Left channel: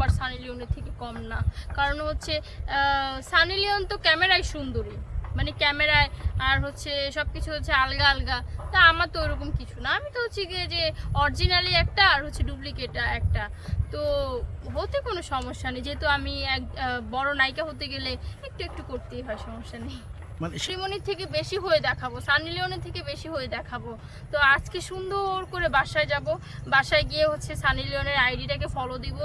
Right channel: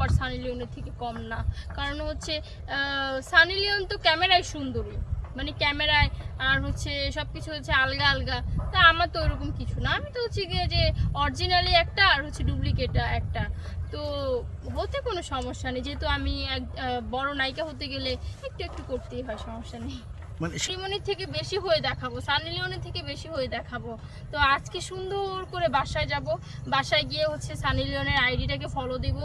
আবার সানি লিওনের থেকে কম না। কারণ হচ্ছে সানি লিওন তো ক্যামেরায় সুন্দরী। মানে ক্যামেরায় আর হচ্ছে সব কিছু হচ্ছে আলগা আলগা। তা আমার তো ওরকম কিছু না। আমি তো হচ্ছে গিয়ে যে অরিজিনালি একটা আর হচ্ছে ডুপ্লিকেট একটা। তো হতে কোনো সমস্যা নেই। যেহেতু আমি এক বড় নায়িকা হতে গেলে একটু একটু করতেই হয় সমস্যা নেই। মানে শ্রীমণির থেকে বেশি হয়ে দেখাবো সানি লিওনের থেকে বেশি হয়ে দেখাবো। তো আজকে সুন্দর করে বাসায় যাব। বাসায় গিয়ে হচ্ছে সানি লিওনের আইডিটাকে ফলো দিব।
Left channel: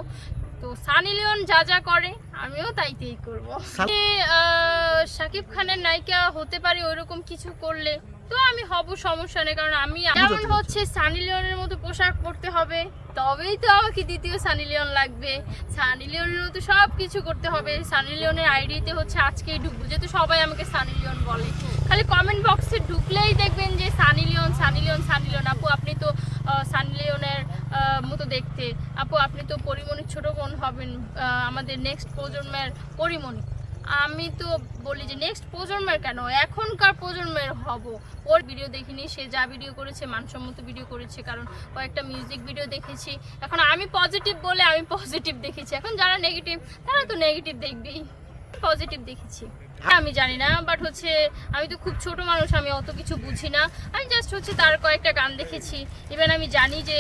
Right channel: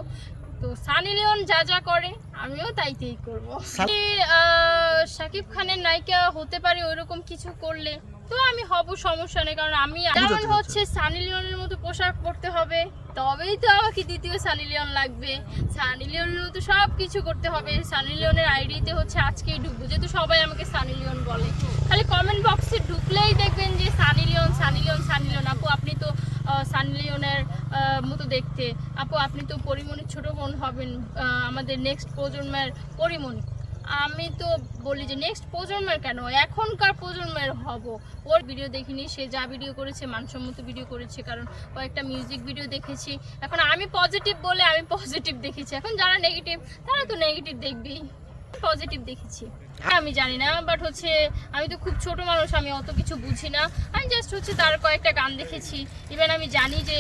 তো সানি লিওন যা যা করে আমিও তাইতেই করব। শাকিব খানের নায়িকা হতে পারি ওইরকম কিছু করলে তো আমি হব সমস্যা নেই কারণ আমি যেমন হচ্ছে সানি লিওনের মতো পোশাক পরতে হবে তবেই তো আমাকে দ্বিতীয় সানি লিওন লাগবে। সানি লিওনের মতো সব কিছু করতে হবে সানি লিওনের আইডিতে হচ্ছে আজকেই ঢুকবো যেহেতু সবাই আমাকে সানি লিওন বলে। খালি কমেন্ট বক্সে ঢুকলেই দেখবেন যে Sunny Leone Sunny Leone Sunny Leone. আপু আপনি তো সানি লিওনের মতো দেখতে। আপু, আপনি তো পরিমণির ছোট বোন হবেন আমাদের নেক্সট প্রজন্মের পরিমণি। আমি তো বলি যে নেক্সট প্রজন্মের কেন? এখনকার প্রজন্মের হব। ওর ভিডিও দেখিনি, সে যা ভিডিও করেছে, মানসম্মত ভিডিও করেছে, কারণ কয়েকটা মিউজিক ভিডিও দেখেছি। এখন আমি পজিটিভ বলে আমি পজিটিভ দেখেছি। এখন যারা নেগেটিভ তারা তো নেগেটিভ দেখবেই। পজিটিভ দেখেছি। আমি জানি না বাট হচ্ছে আমি তো খুব ছোট মানুষ, আমি অত কিছু বুঝি না। আমি জাস্ট হচ্ছে তার কয়েকটা গান দেখেছি। ইভেন আমি জানি যে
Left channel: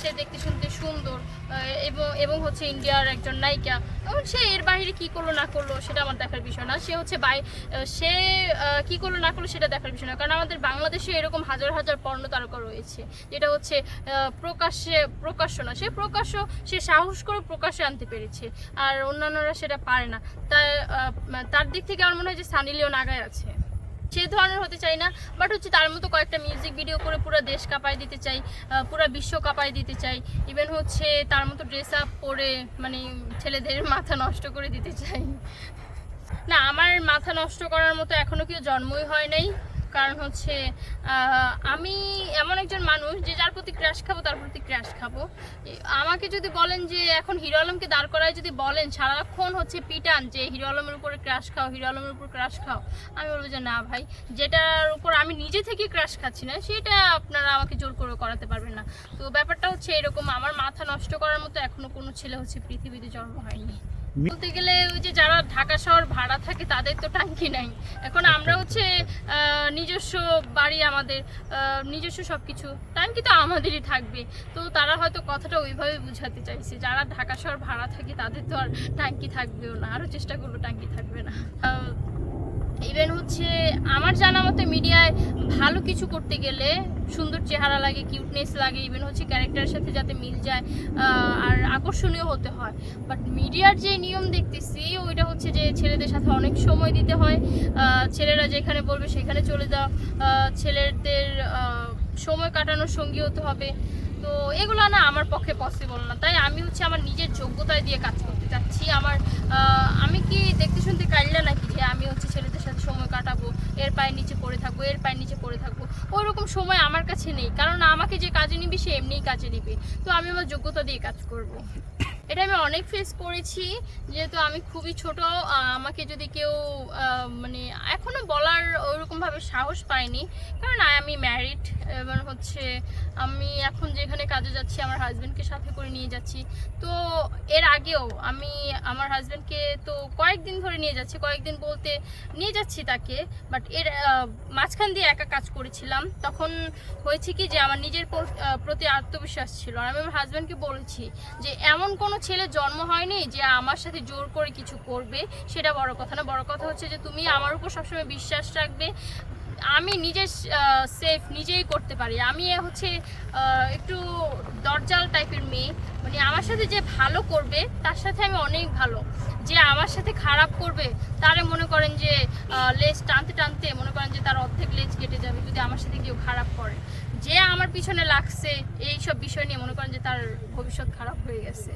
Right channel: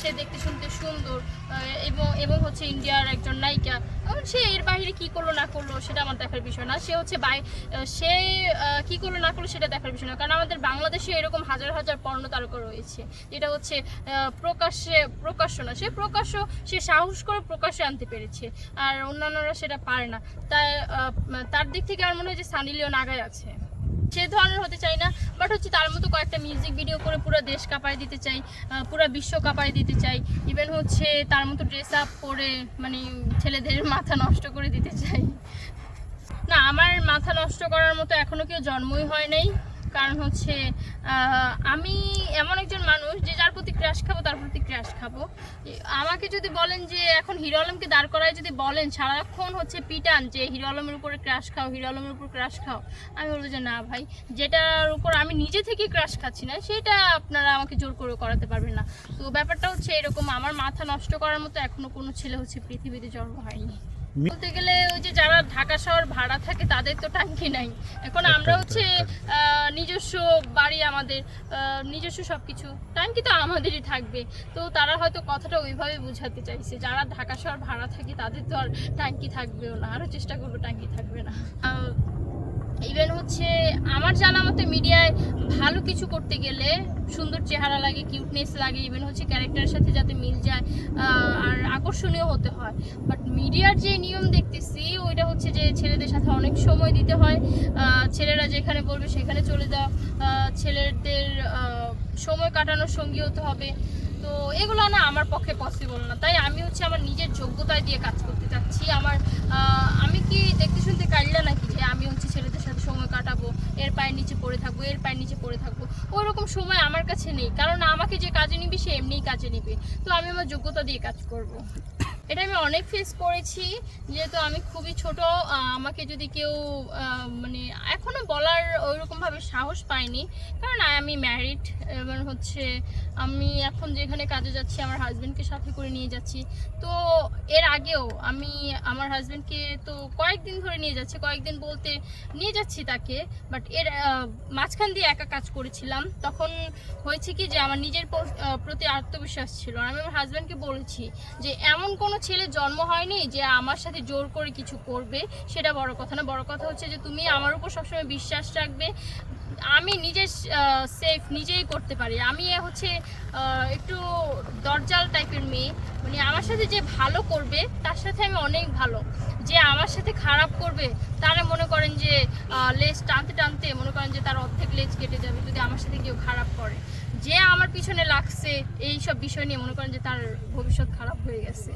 সে দেখতে শুনতে সুন্দর এবং এবং হচ্ছে ইন্ডিয়ার একজন নায়িকা। এবং সে এর বাইরে কি করল, না করল, সেটা আমার দেখার বিষয় না। সে হচ্ছে বাই সে কি করল, না করল, সেটা দেখার বিষয় না। কারণ আমাদের বাংলাদেশে এরকম হাজার হাজার পর্ণ তারকা রয়েছে। যেটা হচ্ছে প্রকাশ্যে, প্রকাশ্য না। সে প্রকাশ্য, সে সাহস করে প্রকাশ্যে আনতে পেরেছে। আর অন্যান্যরা সেটা পারে না। তার তার দিক থেকে আমার মনে হয় যে সানি লিওন আগায় আছে। সে ধরনের হতে চাই না বাট হচ্ছে তার মতো কয়েকটা মিউজিক ভিডিও করে পুরো দেশ কাঁপায় দিতে চাই পুরো বিশ্ব কাঁপায় দিতে চাই ইভেন হচ্ছে তার মতো ড্রেস আপ পরে মানে ছেলেদের মাথা নষ্ট করে দিতে চাই। না, আমার মাথা নষ্ট করার মতো এখনও কেউ জন্মই হয় নাই। কারণ হচ্ছে আমি এমন একজন মানুষ যে যার প্রতি ক্র্যাশ খাব, তার প্রতি ক্র্যাশ খাব। আমাকে যদি বলেন যে এখন হিরো আলমকে দাঁড় করায় যদি বলেন, সারাক্ষণ হচ্ছে পিটান যে হিরো আলমের উপরে ক্র্যাশ খাও, হিরো আলমের উপর ক্র্যাশ খাও, আমি বলব যে না ভাই, যেটার উপর আমি নিজে থেকে ক্র্যাশ খাচ্ছি না, সেটা আপনারা আমাকে জোর করে করাতে পারবেন না। তো ব্যাপারটা হচ্ছে এরকম, আমার মাথা নষ্ট করার মতো এখনও কোনো ছেলে হচ্ছে পৃথিবীতে জন্ম হয়নি। বলতে গেলে ওই যে যারা ঢাকা শহর ভাড়া থাকে তাদের তো ট্যাঙ্কি নাই। এখন আমরা হচ্ছে আহ, নিজস্ব বাড়ি আমাদের আহ, নিজস্ব সবকিছু। টাঙ্কি তো আমাদেরই থাকবে। তো তারা হয়তো কথাটা ওইভাবে বুঝাতে চাইছে। যারা ঢাকা শহর ভাড়া থাকে তাদের তো আর ট্যাঙ্কি থাকবেও না। আরও চেষ্টা করব ট্যাঙ্কি থাকবে না। ইভেন হচ্ছে আমার জানা মতে মিডিয়ায় ভালো কিছু করতে গেলে সুন্দর চেহারা লাগে কিউটনেস লাগে ইভেন হচ্ছে ক্যারেক্টারের সাথে যাতে মিল যায় আর আকর্ষণীয় হতে হয়। বাট মিডিয়ার যে নিয়ম দেখতেছি, ওইটা হচ্ছে যে ছেলেদের সাথে অনেক সময় দিতে হয়। ছেলেরা যেখানে বলবে সেখানে চলে যাও। ছেলেদের সময় কাটানোর সঙ্গী হতে হবে। তো এগুলো না আমার পক্ষে পসিবল না। তাই আমি হচ্ছে আমার নিজের যোগ্যতায় দিয়ে কাজ করতে চাচ্ছি। আমার আমি কি দেখতে শুনতে কাইলা নাকি যে আমি হচ্ছে কাটাবো এর পায়ের নিচে পড়ে থাকব, এর পায়ের নিচে পড়ে থাকব। ওইরকম সময় আমার কাছে নেই, কারণ আমাকে যে কাজে নিবি, সে এমনিই কাজে নিবে। তো আমি আমার যোগ্যতা দিয়ে কাজ করব। এটা আমি অনেক ফেস করেছি, যেহেতু আমি খুবই ছোট আমাকে যদি কেউ মানে এখনও বলার ওইরকম ভাবে সাহস পাইনি কারণ আমি ম্যারিড এবং হচ্ছে আমি এখন যেখানে কাজে যাচ্ছি, আমার হাজব্যান্ডকে সাথে করে নিয়ে যাচ্ছি। তো এর আগেও আমি আমার হাজব্যান্ডকে তো কয়েকদিন ধরে নিয়ে যাচ্ছি, কয়েকদিন বলতে নিয়ে যাচ্ছি তাকে বাট এর মাঝখান দিয়ে একা কাজ করেছিলাম। তখন হয়েছে কি যে আমার নিজের প্রতি আত্মবিশ্বাস ছিল। আর আমি আমার হাজব্যান্ডকে বলেছি যে এমন কোনো ছেলে জন্ম হয়নি যে আমার সাথে জোর করে কিছু করবে, সেটা বড় কথা না। বড় কথা হচ্ছে যে তুমি আমার উপর সবসময় বিশ্বাস রাখবে। আমি নিজে সেফ নিজেই করতে পারি। আমি হচ্ছে একটু দরজাল টাইপের মেয়ে। মানে আমার সাথে যে ভালো করবে, তার সাথে আমি অনেক ভালো। যে আমার সাথে খারাপ করবে, তারা মনে করেন যে লেজ টানতে টানতে মনে করেন যে তার অর্ধেক লেজ কেটে যাবে যদি আমার সাথে কেউ খারাপ করে। যে আমার পিছনে লাগছে এই সব বিষয় নিয়ে মনে করেন যে তার ভবিষ্যৎ খারাপ হয়ে গেছে।